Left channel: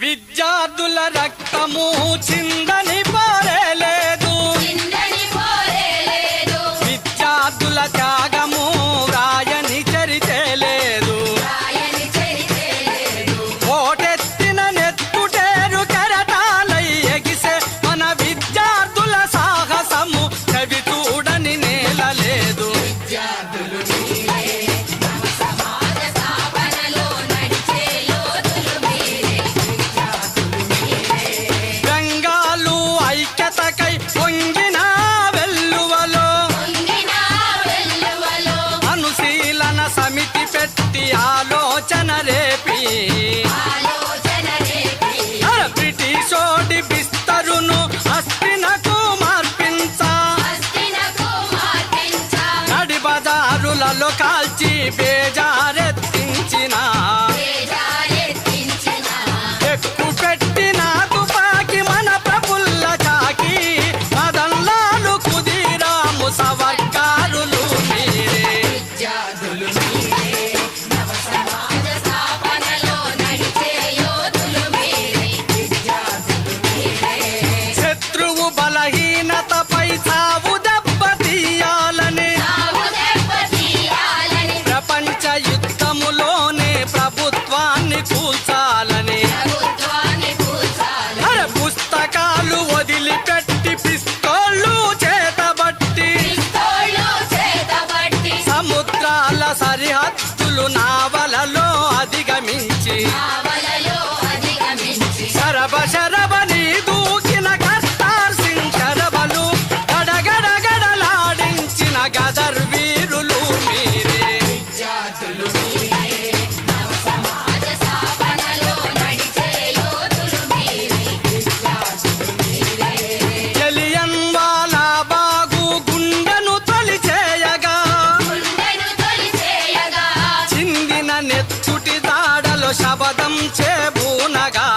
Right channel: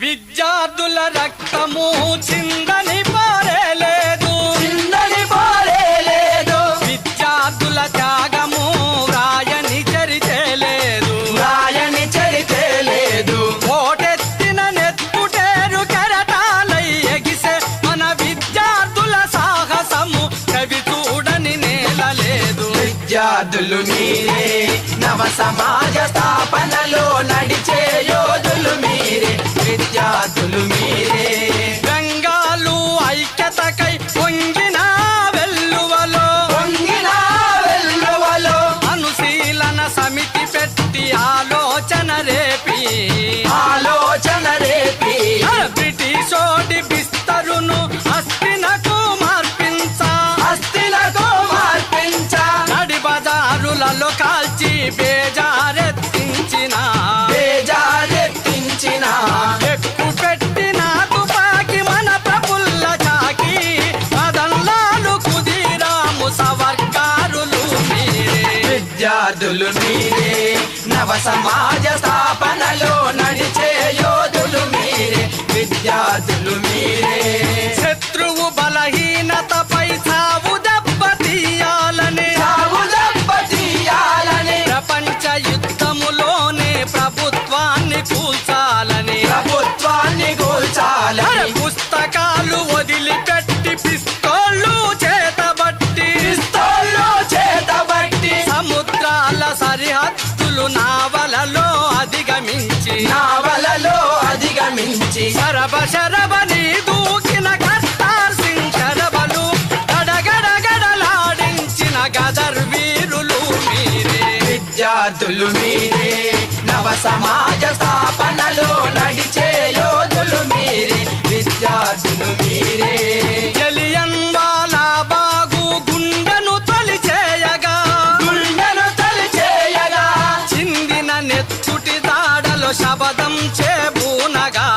విద్యార్థుల రక్తము చిందని పారేలేదు, విద్యార్థుల త్యాగము రాయని చరితే లేదు, ఓటెత్తిన నెత్తుటేరు కెరటాలై ఎగిసే మన విద్యార్థుల సాహసము కవి చూడని నేల లేదు. విద్యార్థులు మీరే నవ సమాజ స్థాపనలో నడిచే యోధులు మీరే, విద్యార్థులు మీరే. బెంగాలు ఐక్యతకై పొంగిన వెల్లువలో అనుశీలన సమితి పెట్టి ఆలోచన రేపి బ్రిటిషోడి బిస్తరును అస్థినకు మార్పించా, నడి బజారులలో కాల్చి బేజారెత్తించిన ఎక్కు పెట్టిన తుపాకి మన ప్రఫుల్ల చాకి మదన్లాలు కుదిరాము సవర్కారులు మీరే. విద్యార్థులు మీరే నవ సమాజ స్థాపనలో నడిచే యోధులు మీరే, విద్యార్థులు మీరే. శత్రువు బలహీనతపై సావు దెబ్బతీయాలని ప్రపంచ యుద్ధములోనే ప్రభుత్వాన్ని కూల్చాలని పుస్తకాలు వదిలిపెట్టి పిస్తోళ్ళు చేతబట్టి సముద్రాల సరిహద్దులు నావలలో అధిగమించి శరబని దూకిన కర్తార్ సింగ్ శరబలు గడగడగడలాడించిన గదర్ వీరులు మీరే. విద్యార్థులు మీరే నవ సమాజ స్థాపనలో నడిచే యోధులు మీరే, విద్యార్థులు మీరే. జలియన్ వాలా బాగు గుండెను తొలిచేయగా చిందిన నెచ్చుటి దాడలో శబదం చేబూనగా